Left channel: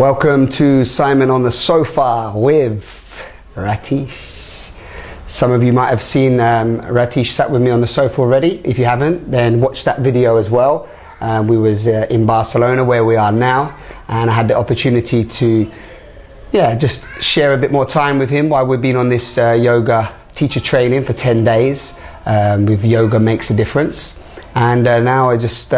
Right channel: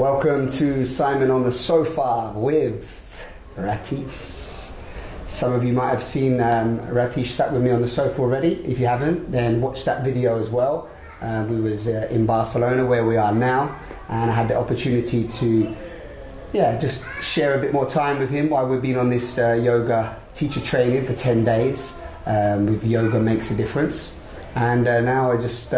Welcome to Simon on the Sofa with Ratheesh. Some of you might have seen Ratheesh sat with me on the sofa already. If you haven't, then watch that video as well. We was in Barcelona, where we are now, and I had the opportunity to just share a bit more time with him while we've been on this yoga teacher training for 10 days with Yoga Makes a Difference. And now I just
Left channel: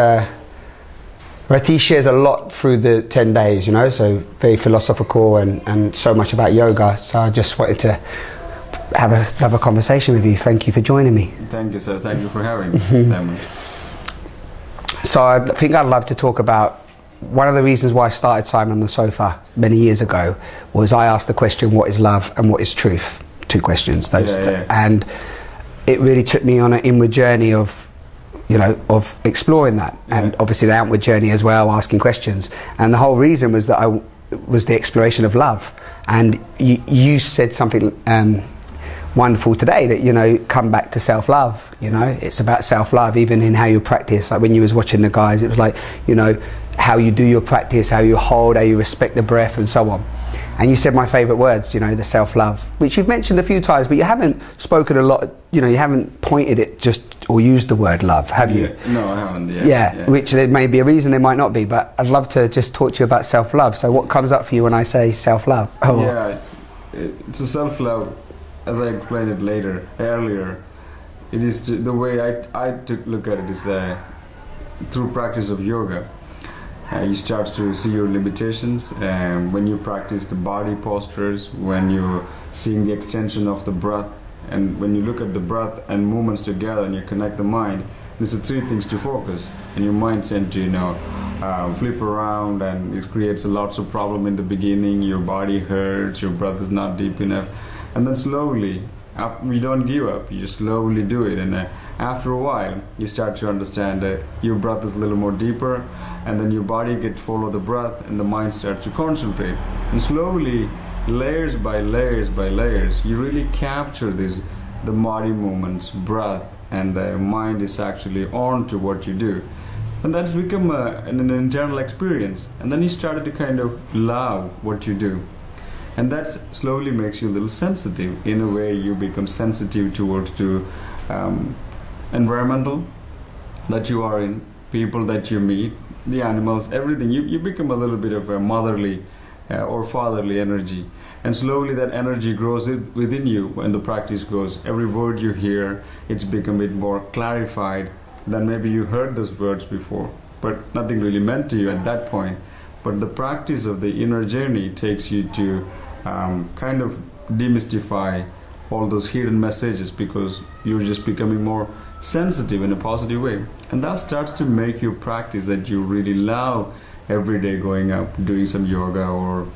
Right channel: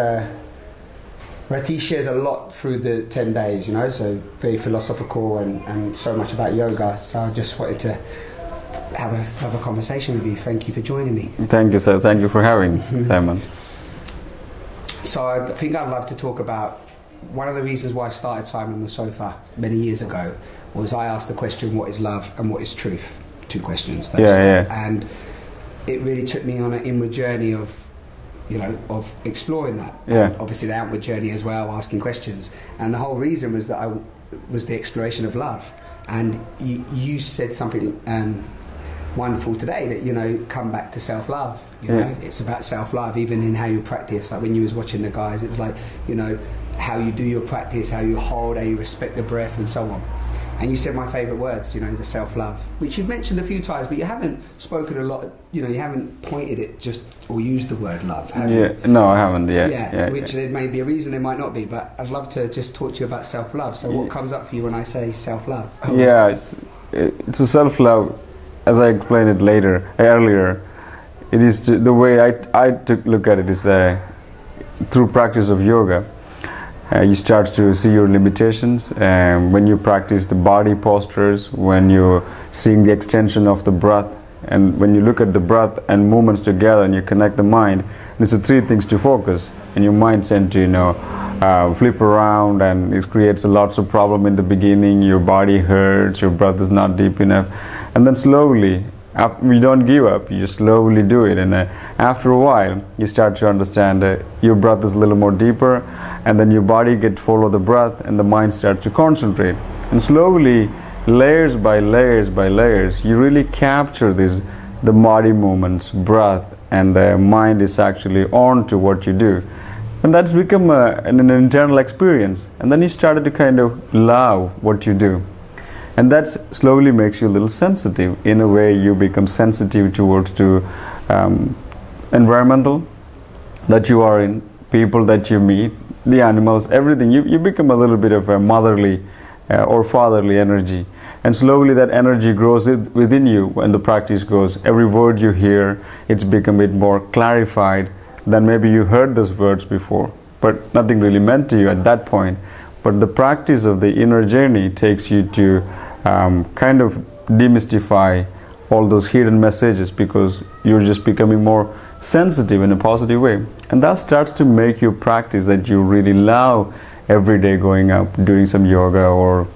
Ratheesh shares a lot through the 10 days, you know, so very philosophical and so much about yoga. So I just wanted to have a conversation with you. Thank you for joining me. Thank you, sir. Thank you for having me, Simon. So I think I'd love to talk about one of the reasons why I started Simon on the Sofa many years ago was I asked the question, what is love and what is truth? Two questions. And it really took me on an inward journey of exploring that, and obviously the outward journey as well, asking questions. And the whole reason was that I was the exploration of love. And you said something wonderful today, that come back to self-love. It's about self-love, even in how you practice. Like when you was watching the guys, it was like how you do your practice, how you hold, how you respect the breath, and so on. And you said my favourite words, the self-love, which you've mentioned a few times, but you haven't spoken a lot, you haven't pointed it just, or used the word love, have you? No, I haven't, which there may be a reason, there might not be, but I'd love to just talk to you about self-love. So what comes up for you when I say self-love? It's a self-love, as I explained it earlier, it is the way I look at it is through practice of yoga. You start to see your limitations when you practice the body postures, when you're seeing the extension of the breath, and when you look at the breath and movements together and you connect the mind. There's the three things to focus, and your mind tends to flip around, and it creates lots of problem in the beginning. Your body hurts, your breath is not deep enough, and then slowly, you don't give up, you just slowly do it, and after a while you start to understand your breath is a little more deeper, and then your body gets follow the breath and the mind starts to concentrate, and slowly, layers by layers by layers, you really capture the body movements, breath, and the mind is actually on to what you do, and that's become an internal experience. And then you started to kind of love what you do. And that slowly makes you a little sensitive. In a way, you become sensitive towards environmental that you are in, people that you meet, the animals, everything. You become a little bit of a motherly or fatherly energy. And slowly that energy grows within you when the practice goes. Every word you hear, it's become a bit more clarified than maybe you heard those words before. But nothing really meant to you at that point. But the practice of the inner journey takes you to kind of demystify all those hidden messages, because you're just becoming more sensitive in a positive way. And that starts to make your practice that you really love every day, going up, doing some yoga or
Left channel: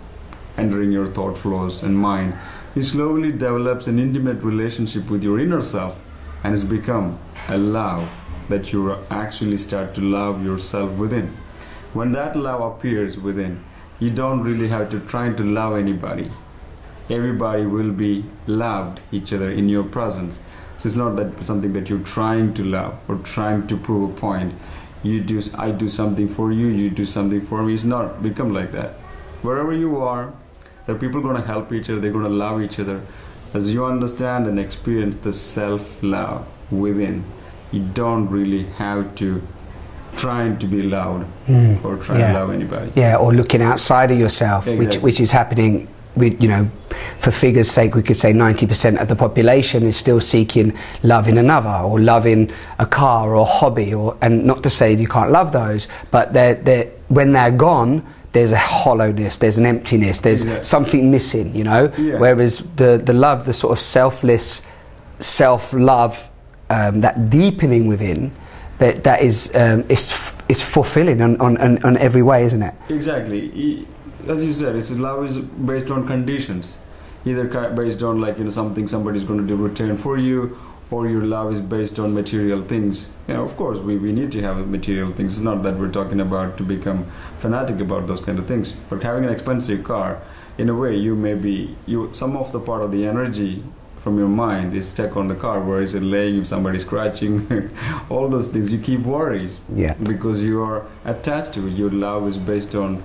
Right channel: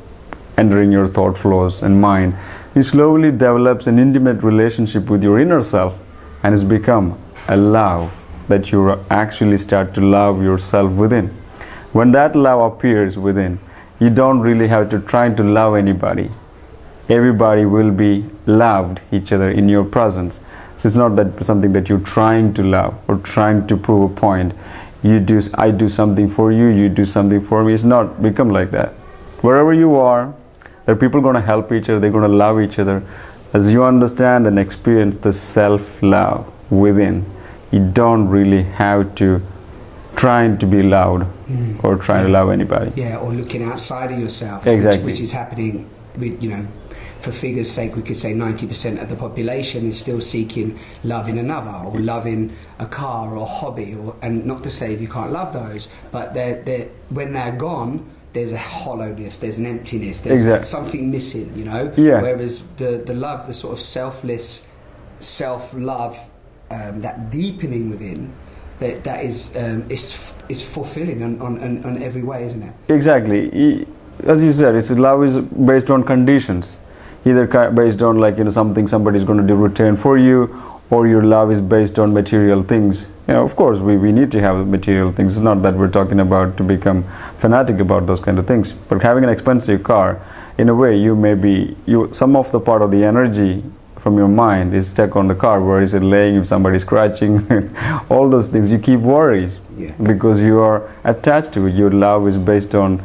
entering your thought flows and mind. You slowly develops an intimate relationship with your inner self, and it's become a love that you actually start to love yourself within. When that love appears within, you don't really have to try to love anybody. Everybody will be loved each other in your presence. So it's not that something that you're trying to love or trying to prove a point. I do something for you, you do something for me. It's not become like that. Wherever you are, there are people going to help each other, they're going to love each other. As you understand and experience the self-love within, you don't really have to trying to be loud or trying to love anybody. Yeah, or looking outside of yourself, exactly. which is happening. For figures' sake, we could say 90% of the population is still seeking love in another, or love in a car or a hobby, and not to say you can't love those, but when they're gone, there's a hollowness, there's an emptiness, there's something missing, Whereas the love, the sort of selfless self-love, that deepening within, that is it's fulfilling on every way, isn't it? Exactly. As you said, love is based on conditions, either based on something somebody's going to do return for you, or your love is based on material things. Of course, we need to have material things. It's not that we're talking about to become fanatic about those kind of things, but having an expensive car, in a way, some of the part of the energy from your mind is stuck on the car. Where is it laying? If somebody's scratching, all those things, you keep worries because you are attached to it. Your love is based on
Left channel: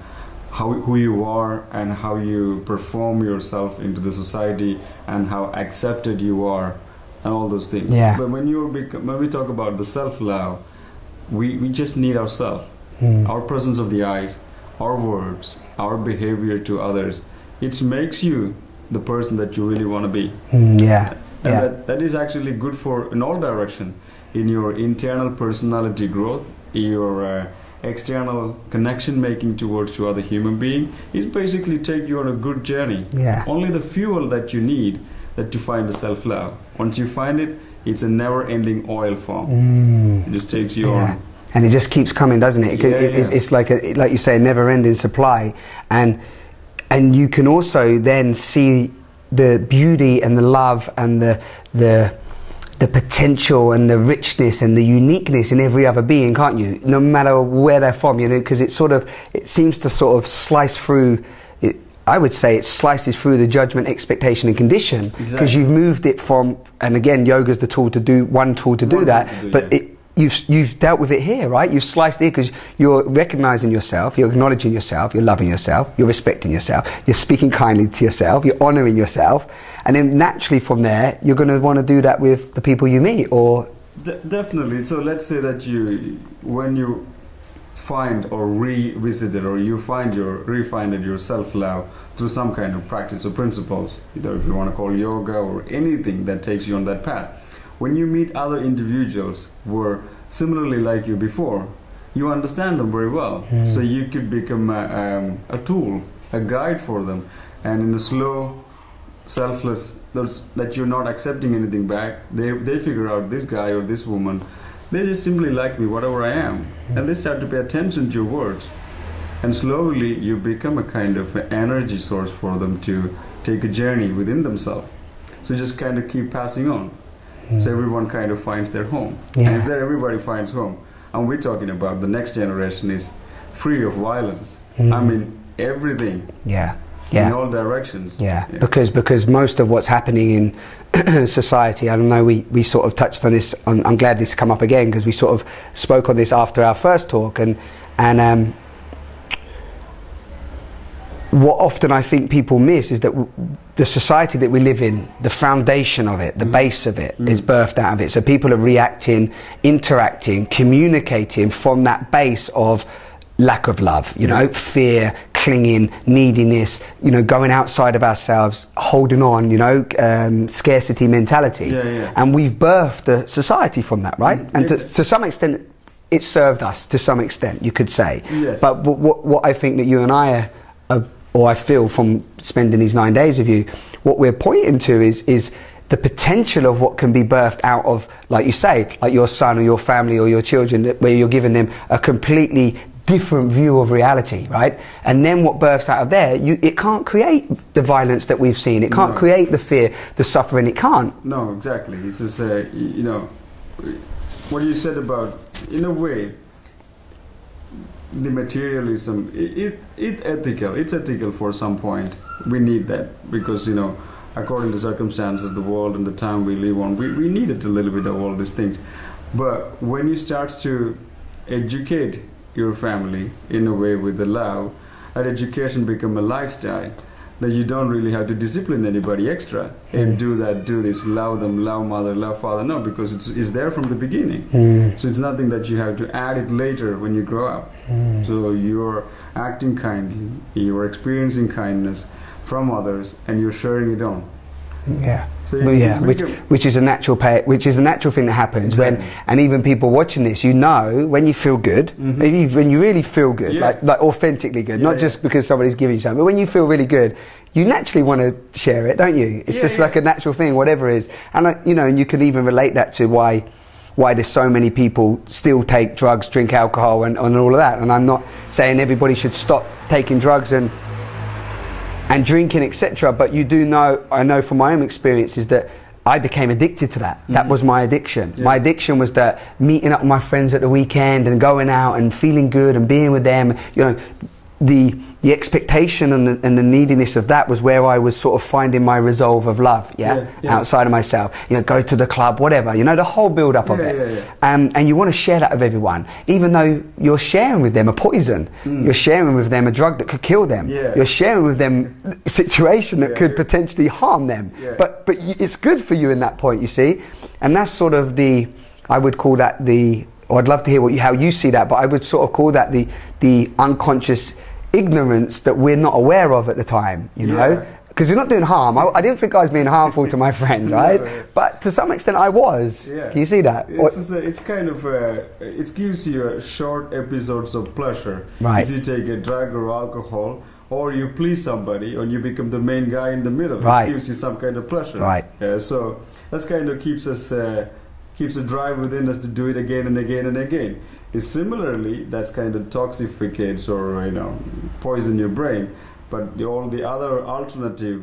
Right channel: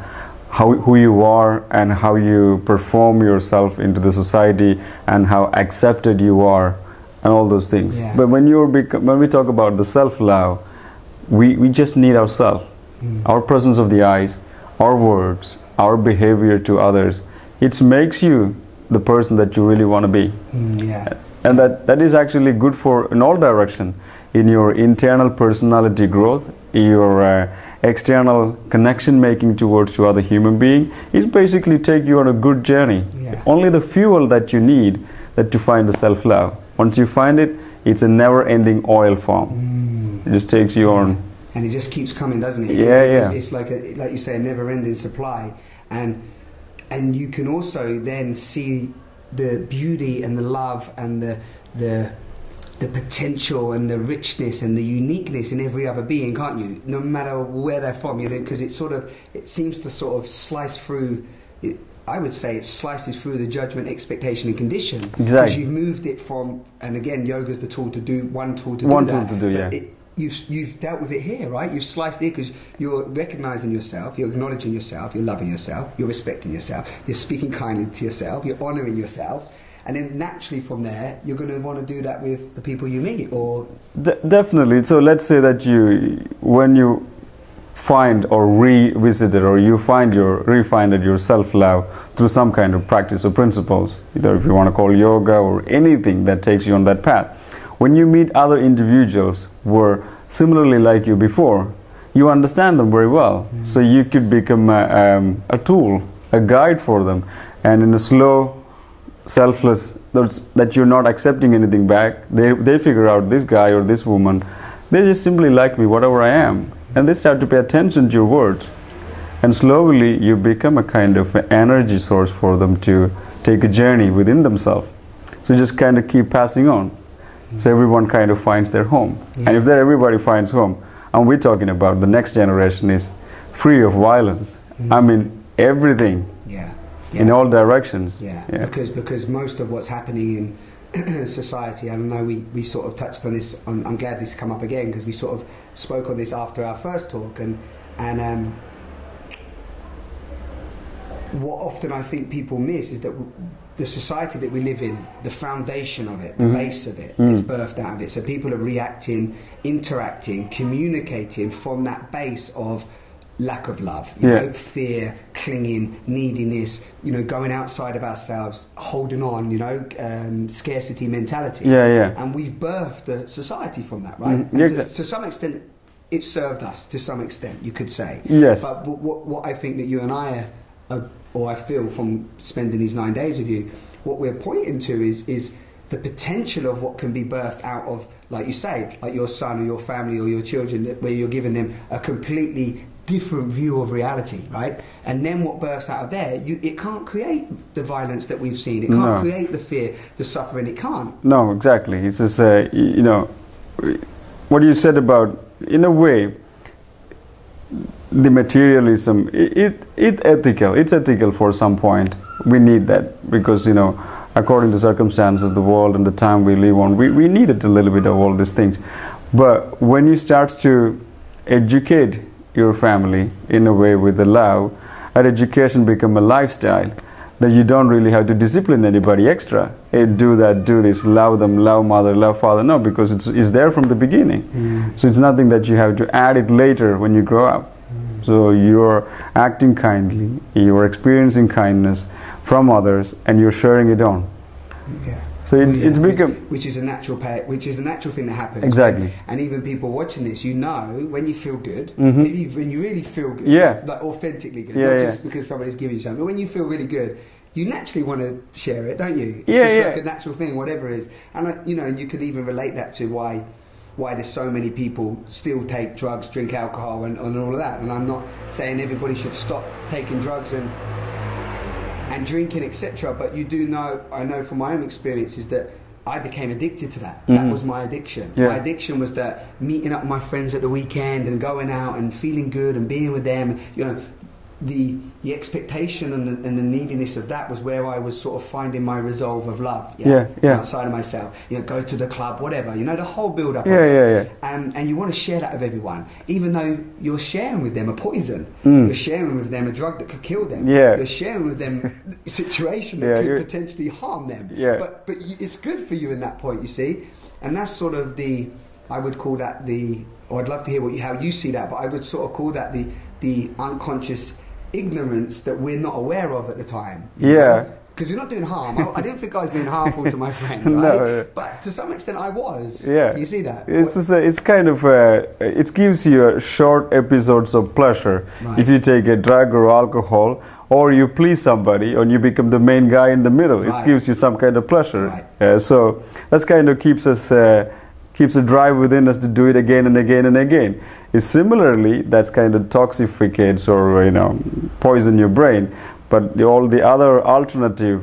who you are and how you perform yourself into the society and how accepted you are and all those things. Yeah. But when we talk about the self-love, we just need ourselves, our presence of the eyes, our words, our behavior to others. It makes you the person that you really want to be. Yeah. And that is actually good for in all direction, in your internal personality growth, your external connection making towards to other human being. It's basically take you on a good journey. Yeah. Only the fuel that you need that to find the self-love. Once you find it, it's a never-ending oil farm. It just takes you on. And it just keeps coming, doesn't it? It's like you say, a never-ending supply. And you can also then see the beauty and the love and the potential and the richness and the uniqueness in every other being, can't you? No matter where they're from, you know, because it seems to sort of slice through. I would say it slices through the judgment, expectation, and condition, because you've moved it from. And again, yoga's the tool to do that. But you've dealt with it here, right? You've sliced it because you're recognizing yourself, you're acknowledging yourself, you're loving yourself, you're respecting yourself, you're speaking kindly to yourself, you're honoring yourself. And then naturally from there, you're going to want to do that with the people you meet, or... Definitely. So let's say that when you find or revisited or you find your self-love through some kind of practice or principles, either if you want to call yoga or anything that takes you on that path. When you meet other individuals who were similarly like you before, you understand them very well. So you could become a tool, a guide for them. And in a slow, selfless, that you're not accepting anything back, they figure out this guy or this woman, they just simply like me, whatever I am. And they start to pay attention to your words. And slowly you become a kind of energy source for them to take a journey within themselves. So just kind of keep passing on. So everyone kind of finds their home. And if everybody finds home, and we're talking about the next generation is free of violence. I mean, everything. In all directions. Because most of what's happening in society, I don't know, we sort of touched on this, I'm glad this come up again, because we sort of spoke on this after our first talk, and what often I think people miss is that the society that we live in, the foundation of it, the base of it, is birthed out of it. So people are reacting, interacting, communicating from that base of lack of love, you know, fear, clinging, neediness, you know, going outside of ourselves, holding on, you know, scarcity mentality. And we've birthed the society from that, right? And to some extent, it served us to some extent, you could say. But what I think that you and I or I feel from spending these 9 days with you, what we're pointing to is the potential of what can be birthed out of, like you say, like your son or your family or your children, where you're giving them a completely different view of reality, right? And then what births out of there, it can't create the violence that we've seen. It can't create the fear, the suffering. It can't. No, exactly. It's just, you know, what you said about, in a way, the materialism, it's ethical for some point. We need that because, you know, according to circumstances, the world and the time we live on, we needed a little bit of all these things. But when you start to educate your family in a way with the love, that education become a lifestyle, that you don't really have to discipline anybody extra. Hey, do that, do this, love them, love mother, love father. No, because it's there from the beginning. So it's nothing that you have to add it later when you grow up. So you're acting kindly, you're experiencing kindness from others, and you're sharing it on. So it's which is a natural thing that happens. And even people watching this, you know, when you feel good, when you really feel good, like authentically good, not just because somebody's giving you something, but when you feel really good, you naturally want to share it, don't you? It's just like a natural thing, whatever it is. And you know, and you can even relate that to why there's so many people still take drugs, drink alcohol, and all of that. And I'm not saying everybody should stop taking drugs and drinking, etc. But you do know, I know from my own experiences that I became addicted to that. That was my addiction. My addiction was that meeting up with my friends at the weekend and going out and feeling good and being with them. You know, the expectation and the neediness of that was where I was sort of finding my resolve of love, outside of myself. You know, go to the club, whatever. You know, the whole build-up of it. And you want to share that with everyone, even though you're sharing with them a poison. You're sharing with them a drug that could kill them. You're sharing with them a situation that could potentially harm them. But it's good for you in that point, you see. And that's sort of I would call that or I'd love to hear how you see that, but I would sort of call that the unconscious ignorance that we're not aware of at the time, you know? Because you're not doing harm. I didn't think I was being harmful to my friends, right? No. But to some extent I was. Can you see that? It's kind of, it gives you short episodes of pleasure. If you take a drug or alcohol, or you please somebody, and you become the main guy in the middle. It gives you some kind of pleasure. So that's kind of keeps a drive within us to do it again and again and again. Similarly, that's kind of toxificates or, you know, poison your brain. But all the other alternative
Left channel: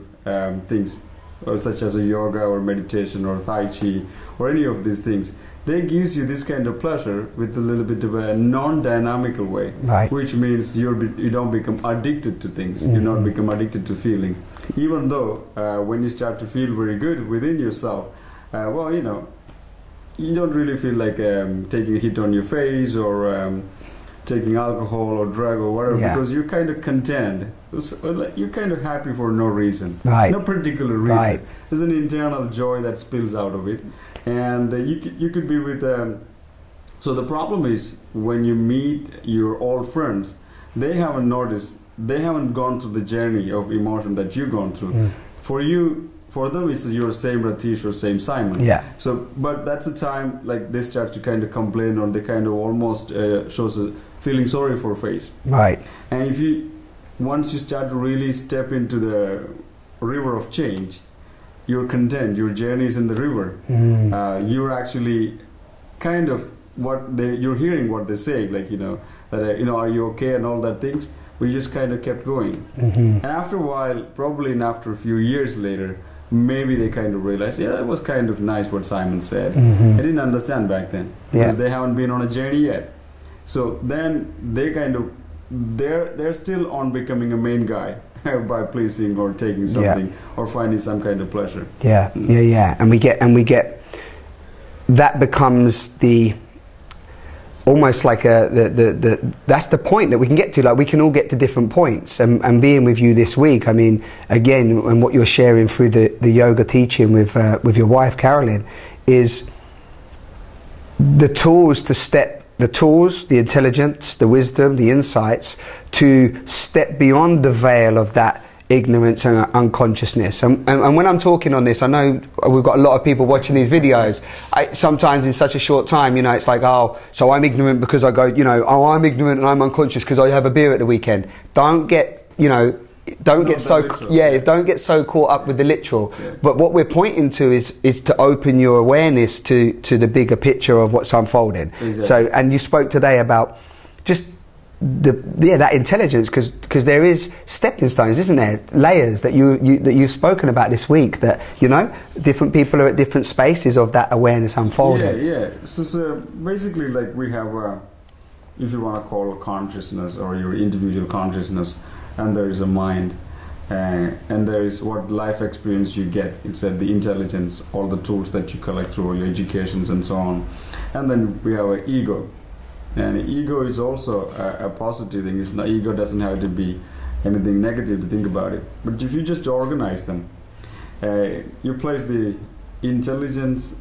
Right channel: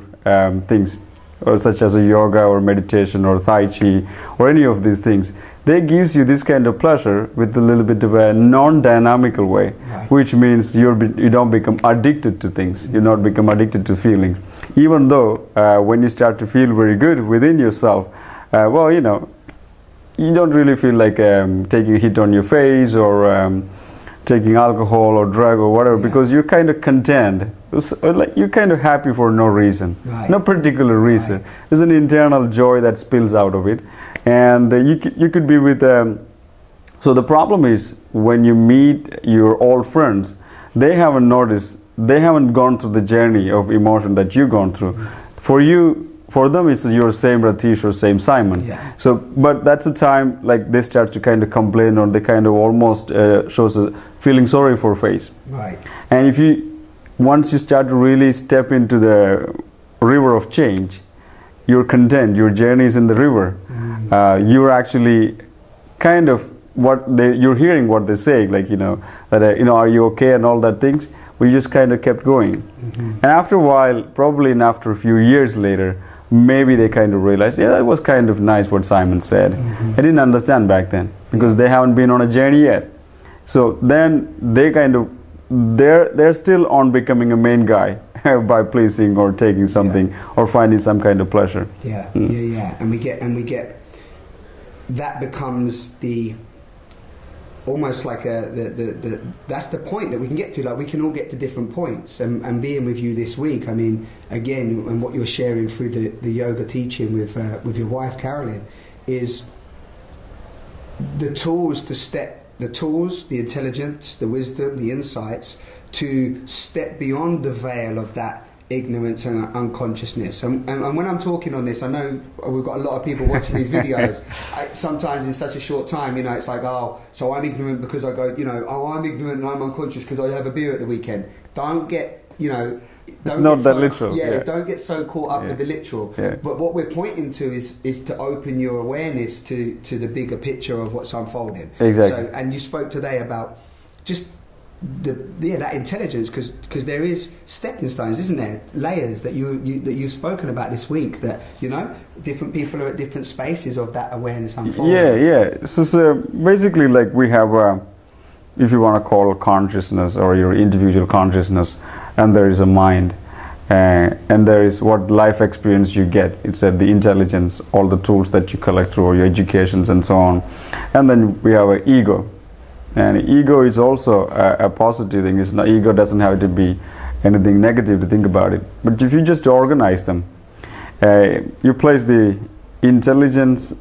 things, or such as a yoga or meditation or Tai Chi or any of these things, they gives you this kind of pleasure with a little bit of a non-dynamical way, which means you don't become addicted to things. You not become addicted to feelings. Even though when you start to feel very good within yourself, well, you know, you don't really feel like taking a hit on your face or taking alcohol or drug or whatever, because you're kind of content. Like you're kind of happy for no reason, no particular reason. There's an internal joy that spills out of it, and you could be with. So the problem is when you meet your old friends, they haven't noticed, they haven't gone through the journey of emotion that you've gone through. For them, it's your same Ratheesh or same Simon. So, but that's the time like they start to kind of complain, or they kind of almost shows a feeling sorry for face. And once you start to really step into the river of change, you're content. Your journey is in the river. You're actually kind of you're hearing what they say, like, you know, that you know, are you okay and all that things. We just kind of kept going, and after a while, probably after a few years later, maybe they kind of realized, yeah, that was kind of nice what Simon said. I didn't understand back then because they haven't been on a journey yet. So then they kind of they're still on becoming a main guy by pleasing or taking something or finding some kind of pleasure. And we get that becomes almost like that's the point that we can get to. Like, we can all get to different points, and being with you this week, I mean, again, and what you're sharing through the yoga teaching with your wife Carolyn is the tools, the intelligence, the wisdom, the insights to step beyond the veil of that ignorance and unconsciousness. And when I'm talking on this, I know we've got a lot of people watching these videos. Sometimes in such a short time, you know, it's like, oh, so I'm ignorant because I go, you know, oh, I'm ignorant and I'm unconscious because I have a beer at the weekend. Don't get, you know, don't get so literal, don't get so caught up with the literal. But what we're pointing to is to open your awareness to the bigger picture of what's unfolding. So, and you spoke today about just that intelligence, because there is stepping stones, isn't there? Layers that you've spoken about this week, that, you know, different people are at different spaces of that awareness unfolding. So basically, like, we have if you want to call consciousness or your individual consciousness, and there is a mind, and there is what life experience you get. It's the intelligence, all the tools that you collect through your educations and so on. And then we have an ego. And ego is also a positive thing. Ego doesn't have to be anything negative to think about it. But if you just organize them, you place the intelligence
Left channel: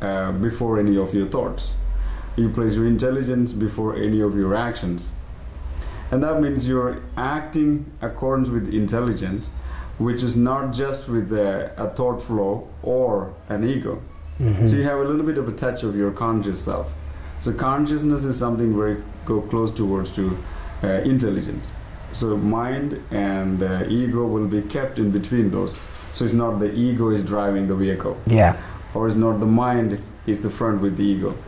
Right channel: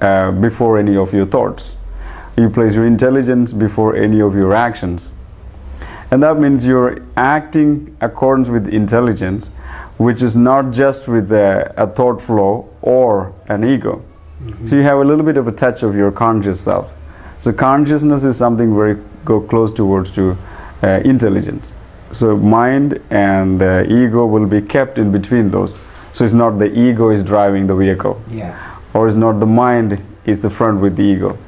before any of your thoughts. You place your intelligence before any of your actions. And that means you're acting according with intelligence, which is not just with a thought flow or an ego. So you have a little bit of a touch of your conscious self. So consciousness is something go close towards to intelligence. So mind and ego will be kept in between those. So it's not the ego is driving the vehicle. Or it's not the mind is the front with the ego.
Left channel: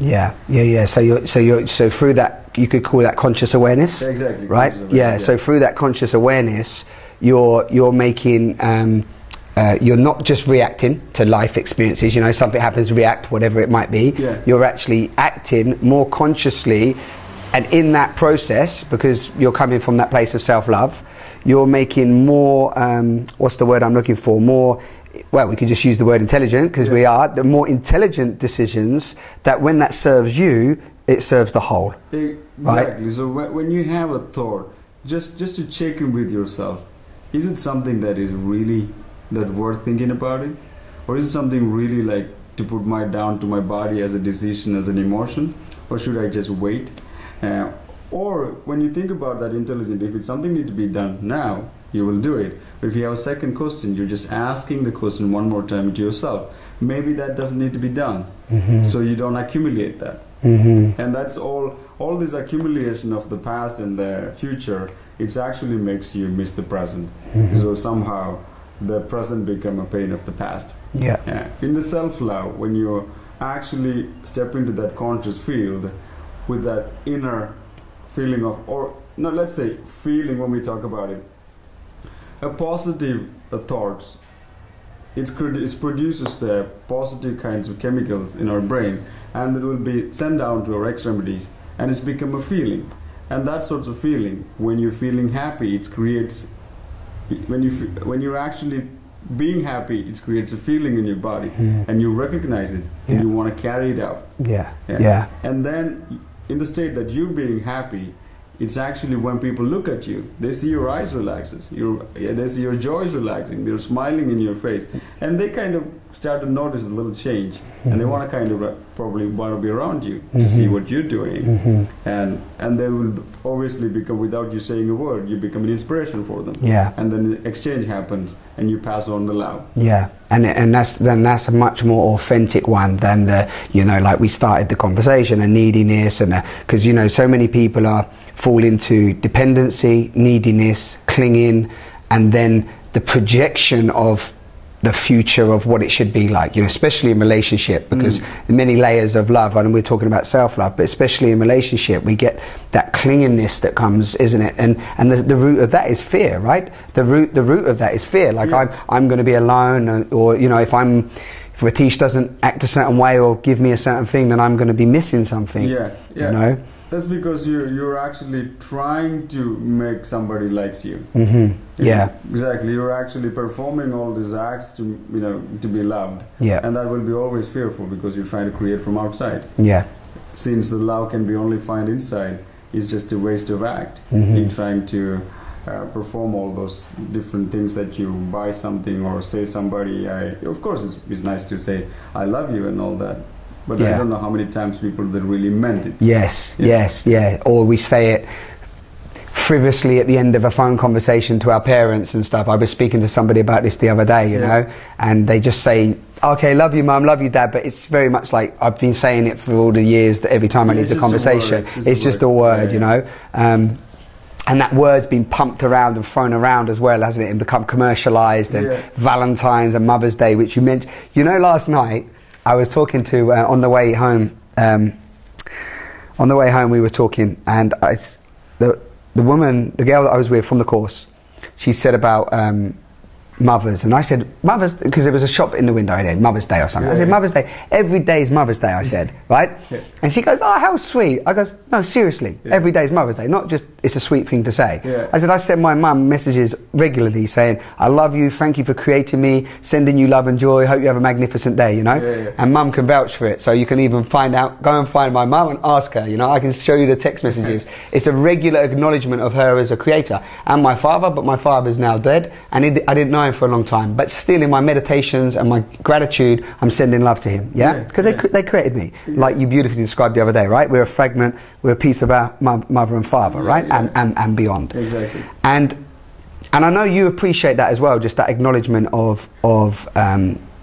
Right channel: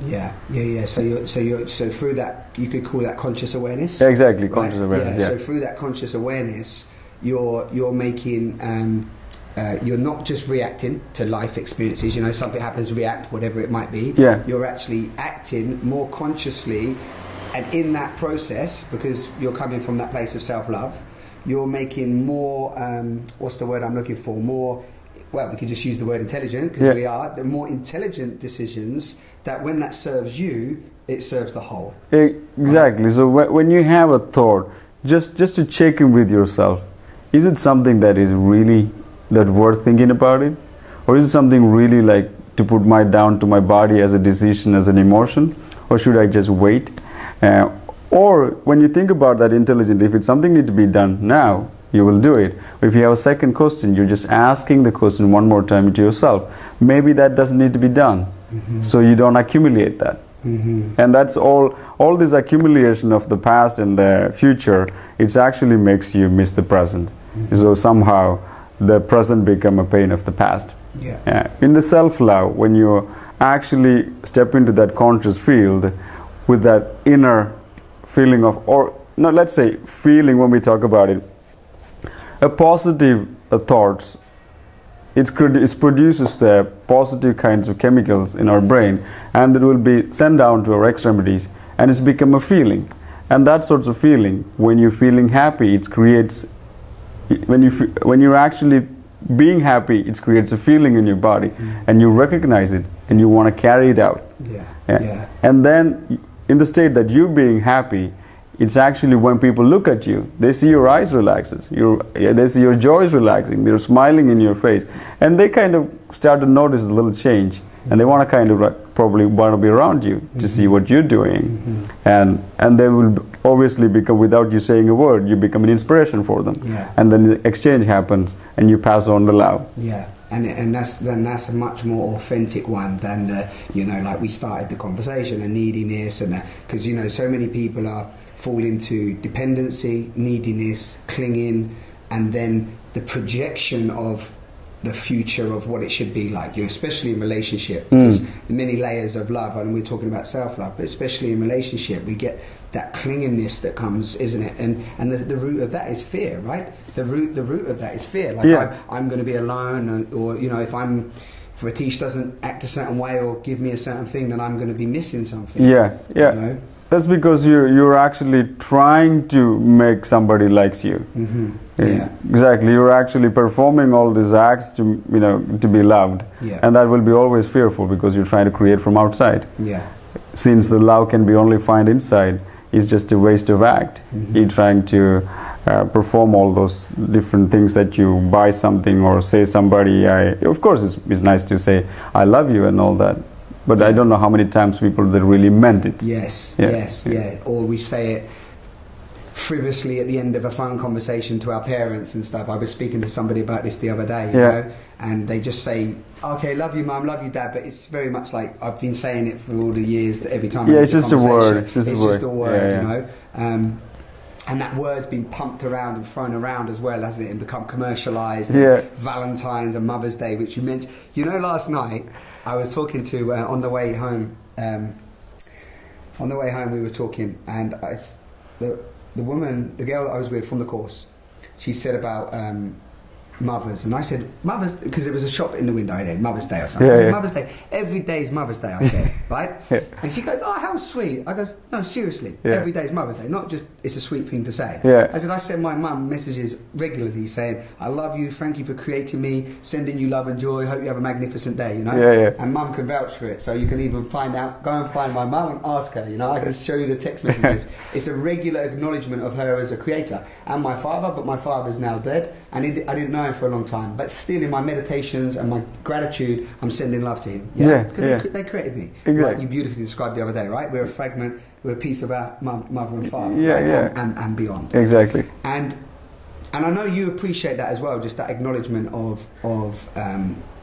So through that, you could call that conscious awareness. Exactly. Right. So through that conscious awareness, you're making. You're not just reacting to life experiences, you know, something happens, react, whatever it might be. You're actually acting more consciously And in that process, because you're coming from that place of self-love, you're making more, what's the word I'm looking for? More, well, we could just use the word intelligent, because we are, the more intelligent decisions that when that serves you, it serves the whole. Exactly. Right? So when you have a thought, just to check in with yourself, is it something that is really that worth thinking about it? Or is it something really like to put down to my body as a decision, as an emotion? Or should I just wait? Or when you think about that intelligently, if it's something need to be done now, you will do it. But if you have a second question, you're just asking the question one more time to yourself. Maybe that doesn't need to be done. So you don't accumulate that. And that's all this accumulation of the past and the future, it actually makes you miss the present. So somehow the present become a pain of the past. In the self-love, when you actually step into that conscious field with that inner feeling of, or no, let's say feeling, when we talk about it, a positive thoughts, it produces the positive kinds of chemicals in our brain, and it will be sent down to our extremities, and it's become a feeling. And that sort of feeling, when you're feeling happy, it creates, when you're actually being happy, it creates a feeling in your body, and you recognize it, and you want to carry it out. And then in the state that you're being happy, it's actually when people look at you, they see your eyes relaxes, they see your jaw is relaxing, they're smiling in your face, and they kind of start to notice a little change, and they want to kind of probably want to be around you to see what you're doing, and they will obviously become, without you saying a word, you become an inspiration for them, and then the exchange happens, and you pass on the love. And that's a much more authentic one than the, you know, like we started the conversation, and neediness, and because you know so many people fall into dependency, neediness, clinging, and then the projection of the future of what it should be like, you know, especially in relationship, because many layers of love, and we're talking about self-love, but especially in relationship, we get that clinginess that comes, isn't it? And the root of that is fear, right? The root of that is fear. Like I'm going to be alone, or you know, if Ratheesh doesn't act a certain way or give me a certain thing, then I'm going to be missing something. You know. That's because you're actually trying to make somebody likes you. Exactly. You're actually performing all these acts to, you know, to be loved. And that will be always fearful, because you're trying to create from outside. Since the love can be only found inside, it's just a waste of act. You're trying to perform all those different things, that you buy something or say somebody. Of course, it's nice to say I love you and all that. But I don't know how many times people that really meant it. Or we say it frivolously at the end of a phone conversation to our parents and stuff. I was speaking to somebody about this the other day, you know, and they just say, okay, love you mum, love you dad, but it's very much like I've been saying it for all the years that every time I need a conversation, it's just a word, you know. And that word's been pumped around and thrown around as well, hasn't it, and become commercialised, and Valentine's and Mother's Day, which you mentioned. You know, last night I was talking to, on the way home, we were talking, and the girl that I was with from the course, she said about mothers, and I said mothers, because there was a shop in the window, Mother's Day or something. I said Mother's Day, every day is Mother's Day, I said, right? And she goes, oh, how sweet. I go, no, seriously, every day is Mother's Day, not just it's a sweet thing to say. I said, I send my mum messages regularly saying, I love you, thank you for creating me, sending you love and joy, hope you have a magnificent day, you know? And mum can vouch for it, so you can even find out, go and find my mum and ask her, you know, I can show you the text messages. It's a regular acknowledgement of her as a creator. And my father, but my father's now dead, and I didn't know him for a long time, but still in my meditations and my gratitude, I'm sending love to him, because they created me, like you beautifully described the other day, right? We're a fragment, we're a piece of our mother and father, right? And beyond. Exactly. And I know you appreciate that as well, just that acknowledgement of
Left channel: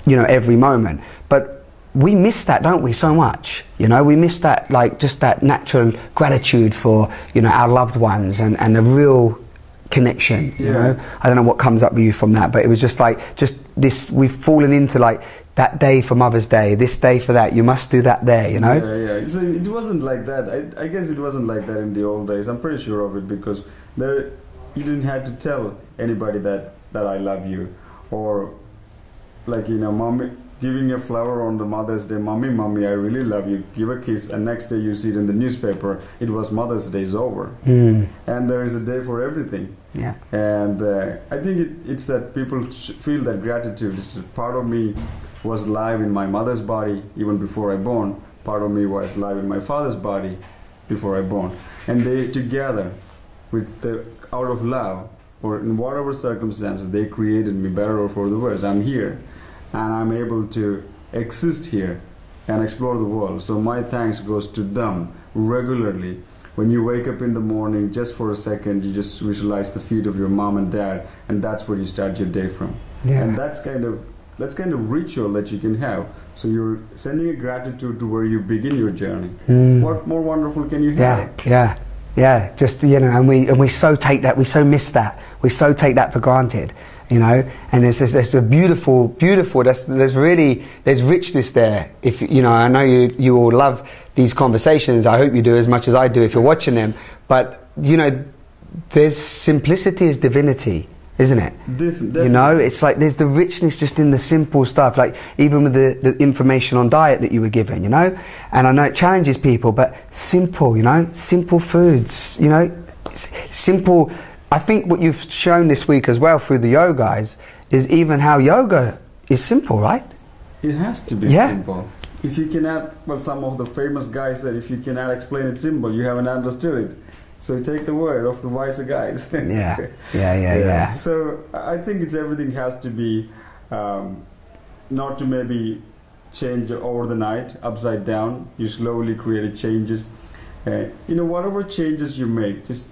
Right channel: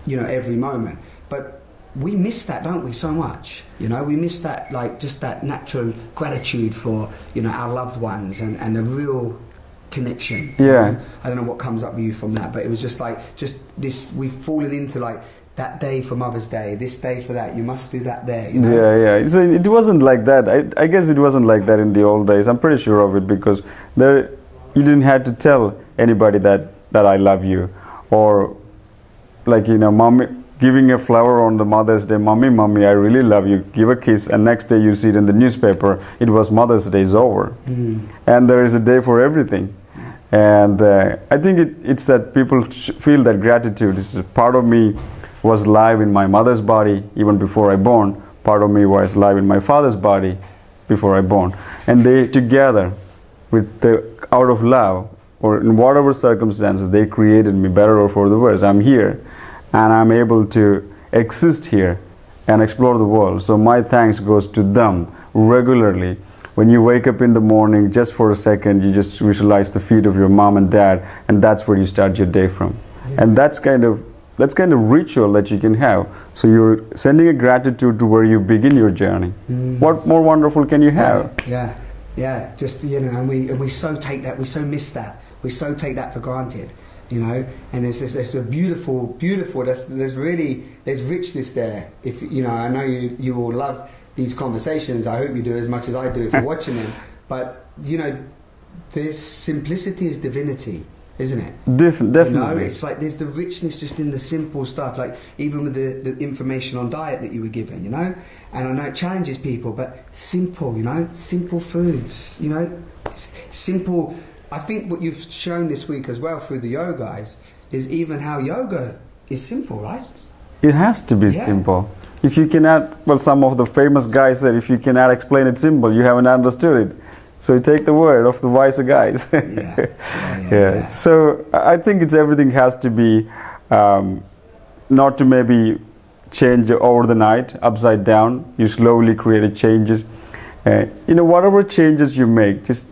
you know, every moment. But we miss that, don't we, so much? You know, we miss that, like, just that natural gratitude for, you know, our loved ones, and the real connection, you know? I don't know what comes up with you from that, but it was just like, just this, we've fallen into like that day for Mother's Day, this day for that, you must do that there, you know? So it wasn't like that. I guess it wasn't like that in the old days. I'm pretty sure of it, because you didn't have to tell anybody that I love you, or like, you know, mom giving a flower on the Mother's Day, mommy, mommy, I really love you, give a kiss, and next day you see it in the newspaper, it was Mother's Day is over. And there is a day for everything. Yeah. And I think it's that people feel that gratitude. It's a part of me was live in my mother's body even before I born. Part of me was live in my father's body before I born. And they together, out of love, or in whatever circumstances, they created me, better or for the worse. I'm here, and I'm able to exist here and explore the world. So my thanks goes to them regularly. When you wake up in the morning, just for a second, you just visualize the feet of your mom and dad, and that's where you start your day from. Yeah. And that's kind of ritual that you can have. So you're sending a gratitude to where you begin your journey. What more wonderful can you have? Yeah. Just, you know, and we so take that, we so miss that, we so take that for granted, you know. And there's a beautiful. There's richness there. If you know, I know you all love these conversations. I hope you do as much as I do if you're watching them. But you know, there's simplicity is divinity, isn't it? Definitely. You know, it's like there's the richness just in the simple stuff, like even with the information on diet that you were given, you know. And I know it challenges people, but simple, you know, simple foods, you know, simple. I think what you've shown this week as well through the yoga is even how yoga is simple, right? It has to be simple. If you cannot, well, some of the famous guys said, if you cannot explain it simple, you haven't understood it. So you take the word of the wiser guys. Yeah. So I think everything has to be, not to maybe change over the night, upside down. You slowly create changes. You know, whatever changes you make, just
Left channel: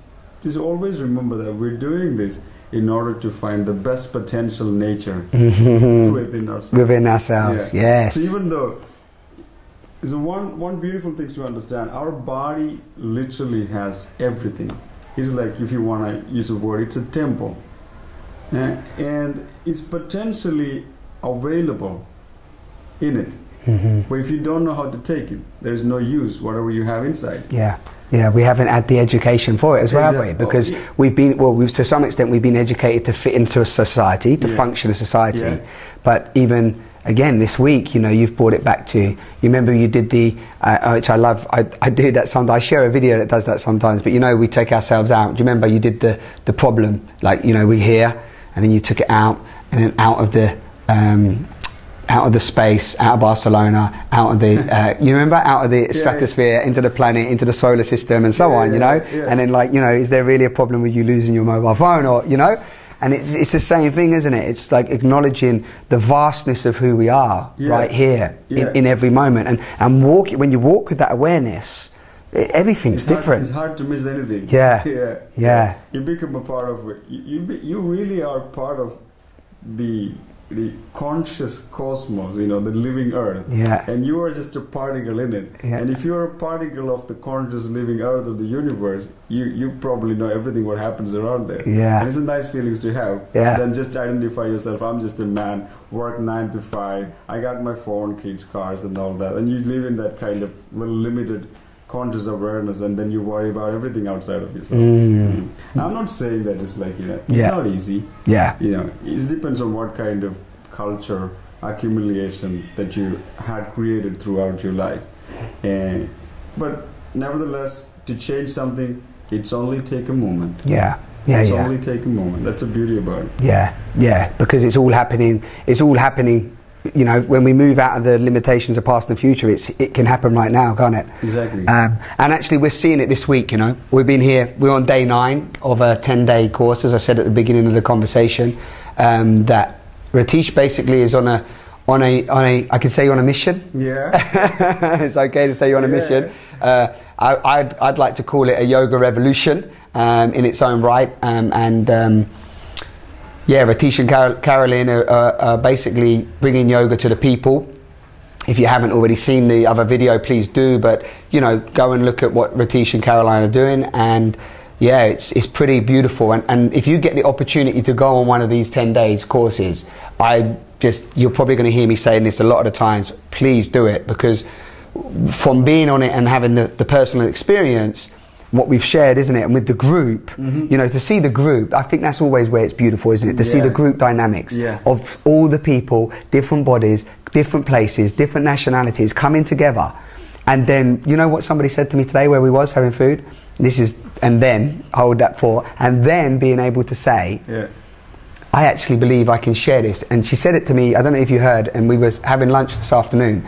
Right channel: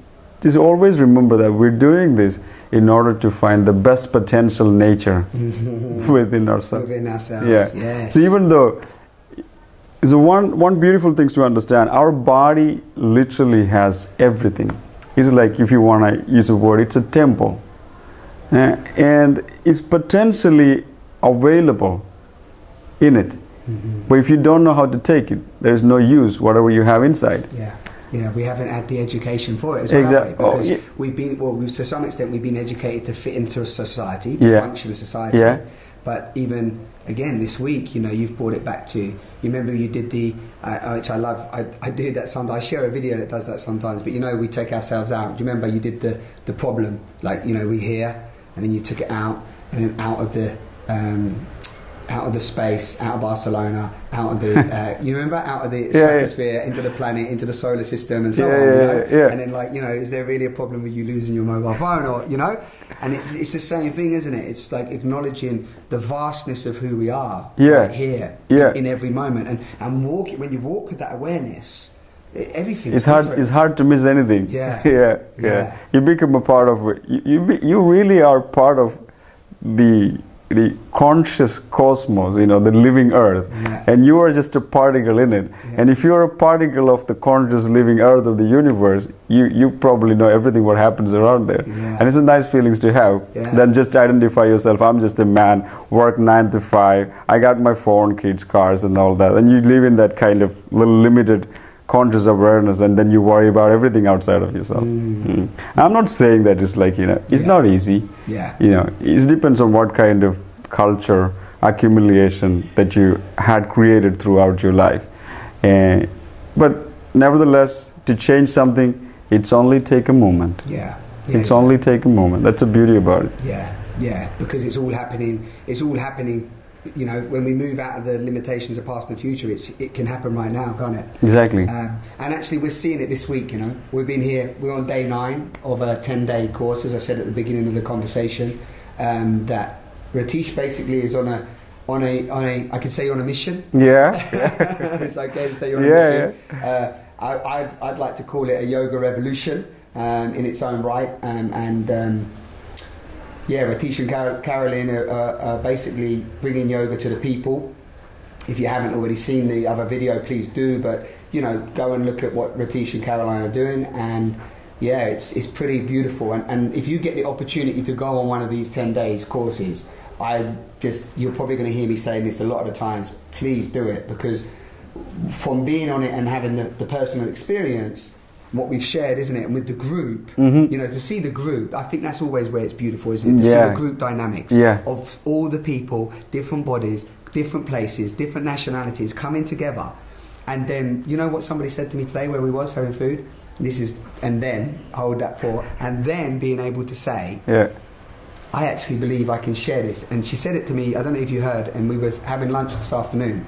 always remember that we're doing this in order to find the best potential nature within ourselves. Within ourselves, yes. So even though, so one beautiful thing to understand, our body literally has everything. It's like, if you want to use a word, it's a temple. And it's potentially available in it. But if you don't know how to take it, there's no use, whatever you have inside. Yeah, we haven't had the education for it as well, have we? Because we've been, to some extent, we've been educated to fit into a society, to function as a society. But even, again, this week, you know, you've brought it back to, you remember you did the, which I love, I do that sometimes, I share a video that does that sometimes, but you know, we take ourselves out. Do you remember you did the problem, like, you know, we're here, and then you took it out, and then out of the space, out of Barcelona, out of the, you remember, out of the stratosphere, into the planet, into the solar system, and so on, you know? And then, like, you know, is there really a problem with you losing your mobile phone, or, you know? And it's the same thing, isn't it? It's like acknowledging the vastness of who we are right here, in every moment. And when you walk with that awareness, everything's different. It's hard to miss anything. Yeah. You become a part of it. You really are part of the conscious cosmos, you know, the living earth, and you are just a particle in it. And if you're a particle of the conscious living earth of the universe, you probably know everything what happens around there. And it's a nice feelings to have. Then just identify yourself. I'm just a man, work 9 to 5, I got my phone, kids, cars, and all that, and you live in that kind of little limited conscious awareness, and then you worry about everything outside of yourself. I'm not saying that it's like, you know, it's not easy. You know, it depends on what kind of culture accumulation that you had created throughout your life. But nevertheless, to change something, it's only take a moment. It's only take a moment. That's the beauty about it. Because it's all happening. You know, when we move out of the limitations of past and future, it can happen right now, can't it? Exactly. And actually, we're seeing it this week. You know, we've been here. We're on day 9 of a 10-day course, as I said at the beginning of the conversation. That Ratheesh basically is on a. I can say you're on a mission. It's okay to say you're on a mission. I'd like to call it a yoga revolution in its own right. Ratheesh and Caroline are basically bringing yoga to the people. If you haven't already seen the other video, please do. But, you know, go and look at what Ratheesh and Caroline are doing. And, it's pretty beautiful. And if you get the opportunity to go on one of these 10 days courses, you're probably going to hear me saying this a lot of the times, please do it. Because from being on it and having the personal experience, what we've shared, isn't it? And with the group, you know, to see the group, I think that's always where it's beautiful, isn't it? To see the group dynamics of all the people, different bodies, different places, different nationalities coming together. And then, you know what somebody said to me today where we was having food? This is, and then, hold that thought, and then being able to say, I actually believe I can share this. And she said it to me, I don't know if you heard, and we was having lunch this afternoon.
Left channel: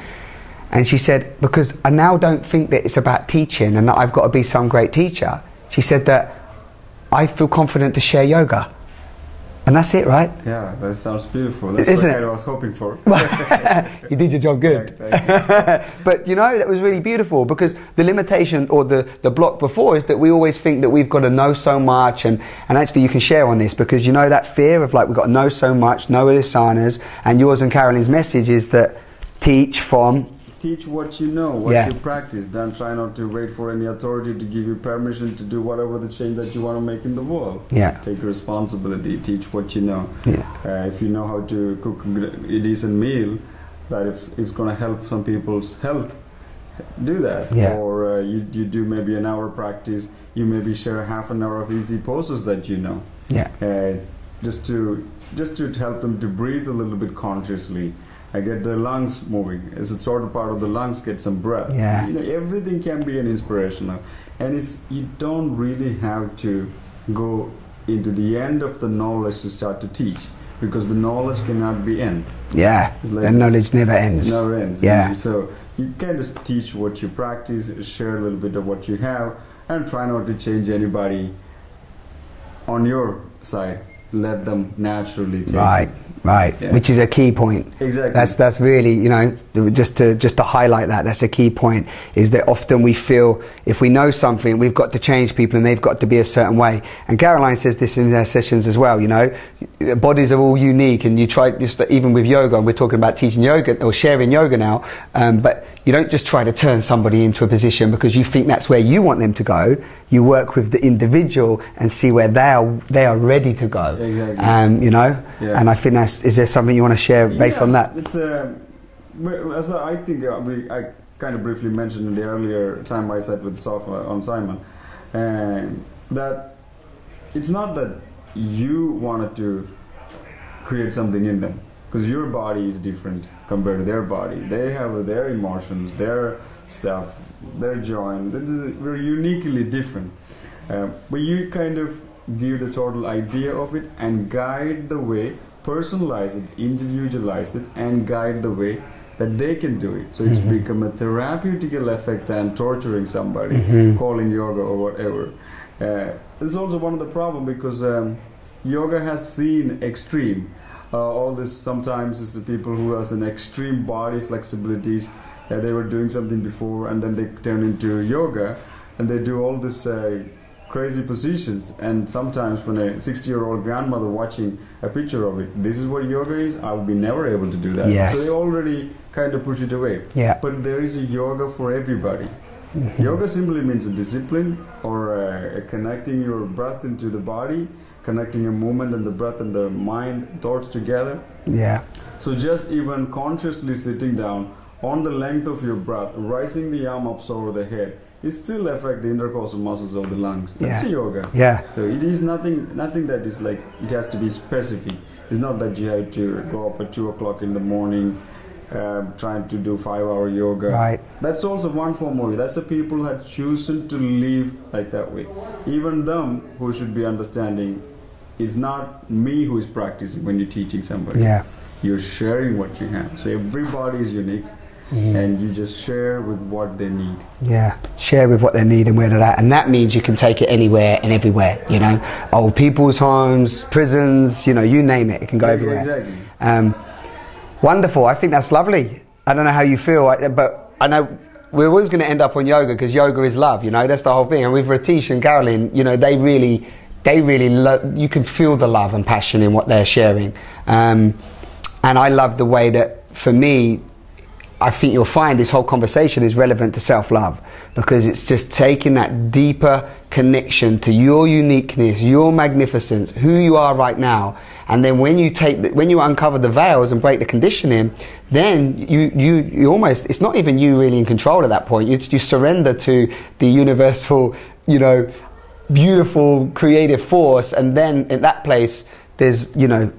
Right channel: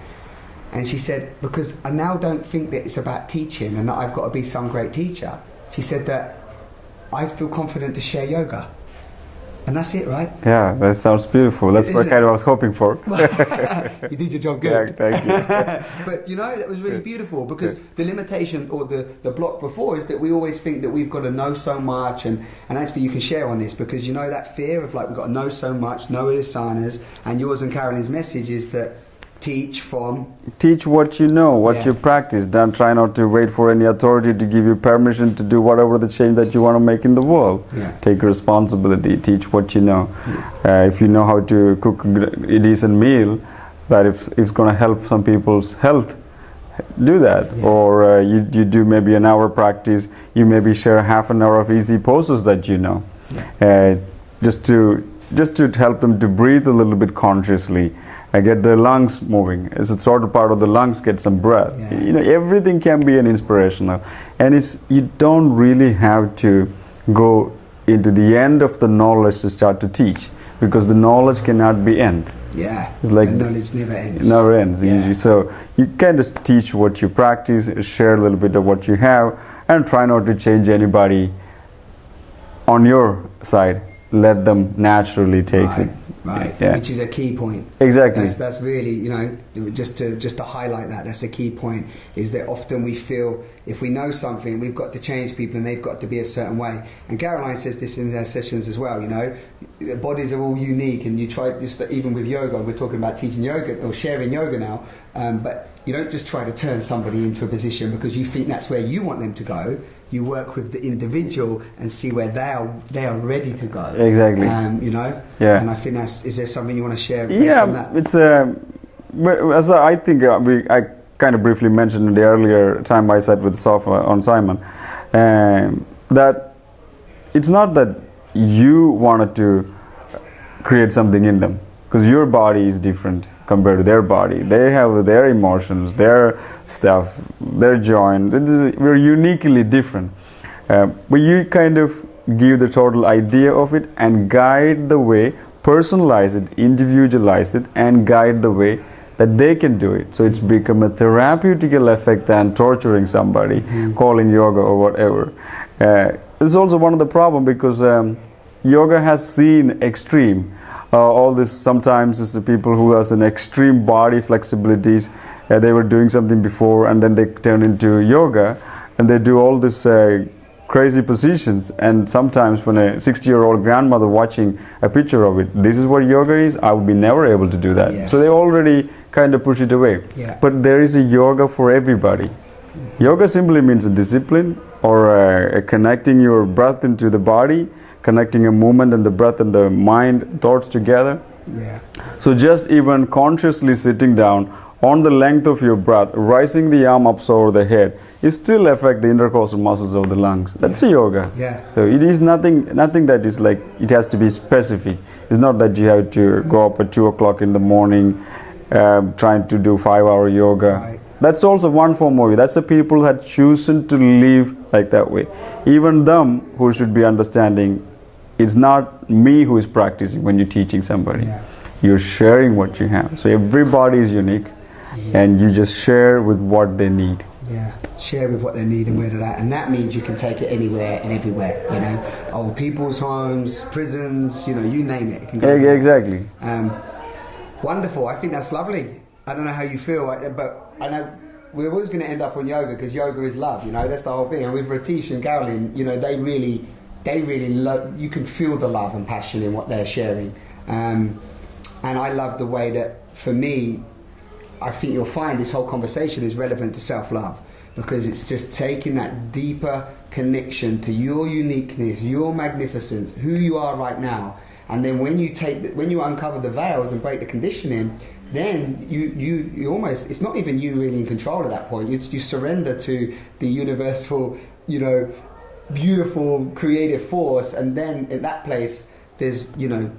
And she said, because I now don't think that it's about teaching and that I've got to be some great teacher. She said that I feel confident to share yoga. And that's it, right? Yeah, that sounds beautiful. That's what I was hoping for. You did your job good. Yeah, thank you. But you know, that was really beautiful, because the limitation or the block before is that we always think that we've got to know so much, and actually you can share on this, because you know that fear of like we've got to know so much, know asanas, and yours and Caroline's message is that teach what you know, what you practice. Don't try not to wait for any authority to give you permission to do whatever the change that you want to make in the world. Take responsibility, teach what you know. If you know how to cook a decent meal that if it's going to help some people's health, do that. Or you do maybe an hour practice, you maybe share half an hour of easy poses that you know. Just to help them to breathe a little bit consciously. I get their lungs moving. It's a sort of part of the lungs, get some breath. You know, everything can be an inspirational. And you don't really have to go into the end of the knowledge to start to teach, because the knowledge cannot be end. It's like the knowledge never ends. Never ends. So you can just teach what you practice, share a little bit of what you have, and try not to change anybody on your side. Let them naturally take it. Which is a key point. Exactly. That's really, you know, just to highlight that, that's a key point, is that often we feel if we know something, we've got to change people and they've got to be a certain way. And Caroline says this in their sessions as well, you know, bodies are all unique, and you try, just even with yoga, and we're talking about teaching yoga or sharing yoga now, but you don't just try to turn somebody into a position because you think that's where you want them to go. You work with the individual and see where they are ready to go. Exactly. You know. And I think is there something you want to share based on that? It's as I think I kind of briefly mentioned in the earlier time I sat with Sofa on Simon, that it's not that you wanted to create something in them, because your body is different compared to their body. They have their emotions, their stuff, their joints. We're uniquely different. But you kind of give the total idea of it and guide the way, personalize it, individualize it, and guide the way that they can do it. So it's become a therapeutical effect than torturing somebody, calling yoga or whatever. It's also one of the problems, because yoga has seen extreme. All this sometimes is the people who has an extreme body flexibilities. They were doing something before and then they turn into yoga and they do all this crazy positions. And sometimes when a 60-year-old grandmother watching a picture of it, this is what yoga is, I would be never able to do that. So they already kind of push it away. But there is a yoga for everybody. Yoga simply means a discipline, or connecting your breath into the body, connecting a movement and the breath and the mind thoughts together. So just even consciously sitting down on the length of your breath, rising the arm up over the head, it still affect the intercostal muscles of the lungs. That's a yoga. So it is nothing that is like, it has to be specific. It's not that you have to go up at 2 o'clock in the morning trying to do 5-hour yoga. That's also one form of it. That's the people that chosen to live like that way. Even them who should be understanding, it's not me who is practicing when you're teaching somebody. You're sharing what you have. So everybody is unique, and you just share with what they need. Share with what they need and where they're at. And that means you can take it anywhere and everywhere, you know. Old people's homes, prisons, you know, you name it. It can go everywhere. Wonderful. I think that's lovely. I don't know how you feel, but I know we're always going to end up on yoga, because yoga is love, you know. That's the whole thing. And with Ratheesh and Caroline, you know, they really love, you can feel the love and passion in what they're sharing. And I love the way that, for me, I think you'll find this whole conversation is relevant to self-love, because it's just taking that deeper connection to your uniqueness, your magnificence, who you are right now. And then when you uncover the veils and break the conditioning, then you almost, it's not even you really in control at that point. You surrender to the universal, you know, beautiful creative force, and then at that place there's, you know,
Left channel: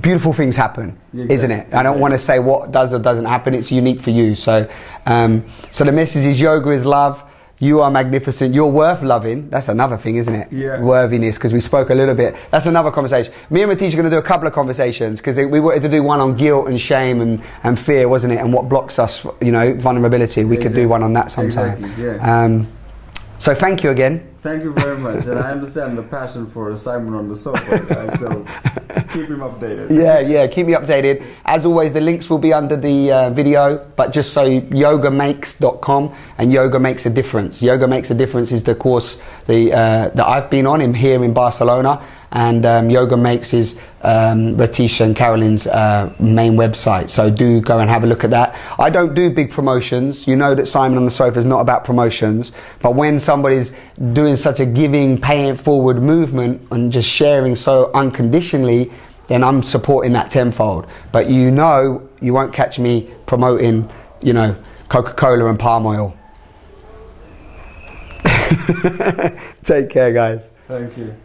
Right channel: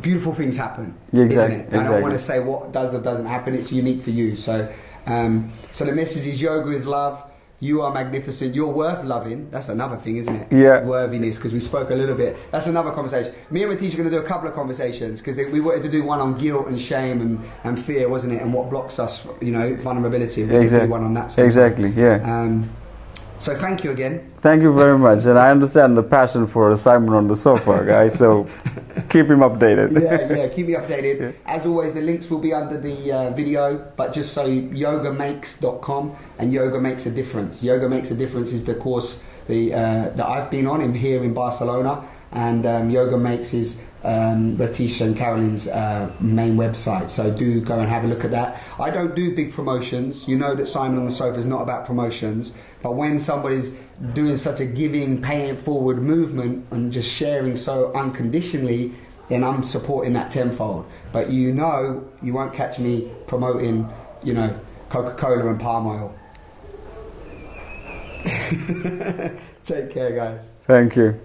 beautiful things happen, Exactly. isn't it? I don't want to say what does or doesn't happen. It's unique for you. So, so the message is yoga is love. You are magnificent. You're worth loving. That's another thing, isn't it? Yeah. Worthiness, because we spoke a little bit. That's another conversation. Me and Ratheesh are going to do a couple of conversations because we wanted to do one on guilt and shame and fear, wasn't it? And what blocks us, you know, vulnerability. We could do one on that sometime. Exactly, yeah. So thank you again. Thank you very much. And I understand the passion for Simon on the sofa, guys. So keep him updated. Yeah, keep me updated. As always, the links will be under the video, but just so yogamakes.com, and Yoga Makes a Difference. Yoga Makes a Difference is the course that I've been on here in Barcelona, and Yoga Makes is Ratheesh and Carolyn's main website. So do go and have a look at that. I don't do big promotions. You know that Simon on the Sofa is not about promotions, but when somebody's doing such a giving, paying it forward movement and just sharing so unconditionally, then I'm supporting that tenfold. But you know, you won't catch me promoting, you know, Coca-Cola and palm oil. Take care, guys. Thank you.